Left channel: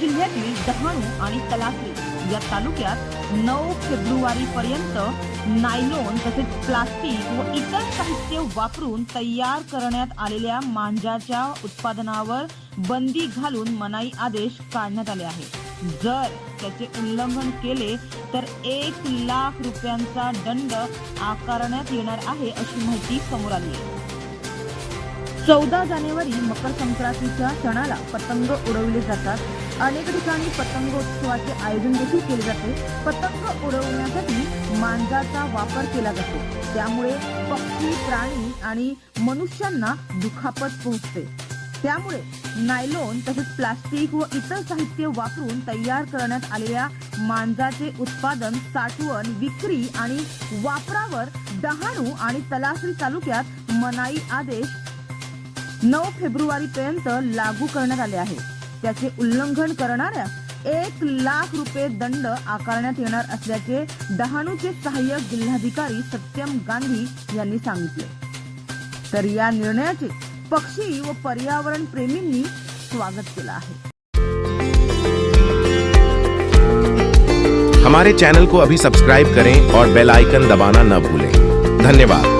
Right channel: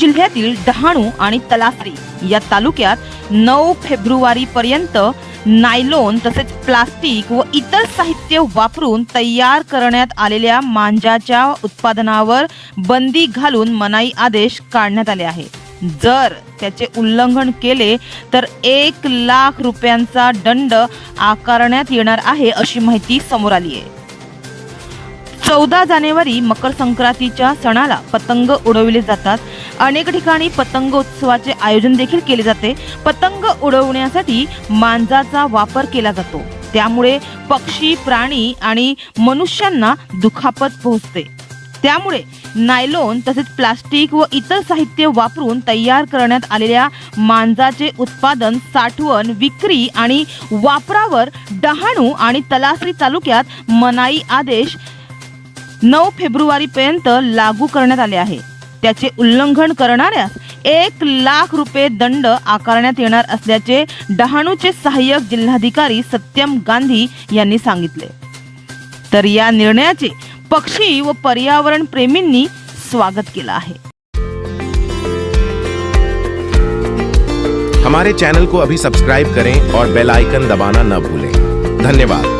जिल्ह्यातील डहाणू आणि तलासरी या तालुक्यात नऊ फेब्रुवारी पर्यंत नायलोन तसेच प्लास्टिक व इतर साहित्य वापरून तयार करण्यात आलेल्या मांजाच्या उत्पादनावर बंदी घालून मनाई आदेश काढण्यात आले आहे जर त्याचे उल्लंघन केले तर एक लाख रुपयांचा दंड आकारण्यात येणार आहे अशी माहिती समोर आली आहे. चौदा जानेवारी मकर संक्रांतीच्या सणाला पतंग उडविले जातात. अनेक ठिकाणी पतंग उत्सवाचे आयोजन देखील केले जाते. पतंग उडवण्यासाठी मांजाचा वापर केला जातो. त्यामुळे पक्षी प्राणी आणि मनुष्यांना दुखापत पोहोचते. त्यामुळे नायलोन तसेच प्लास्टिक व इतर साहित्य वापरून तयार करण्यात आलेल्या मांजाचे उत्पादन साठवण विक्री आणि वापरावर डहाणू आणि तलासरी तालुक्यात मनाई आदेश नऊ फेब्रुवारी पर्यंत लागू करण्यात आले आहे. त्याचे उल्लंघन करणाऱ्यास एक लाख रुपये दंड आकारण्यात येणार असल्याचे डहाणूचे सहाय्यक जिल्हाधिकारी सत्यम गांधी यांनी सांगितले. तर या निर्णयाचे पक्षी व पर्यावरण प्रेमींनी स्वागत केलं आहे. हमारे चैनल को अभी सब्सक्राइब करें और बेल आइकन दबाना न भूलें। धन्यवाद।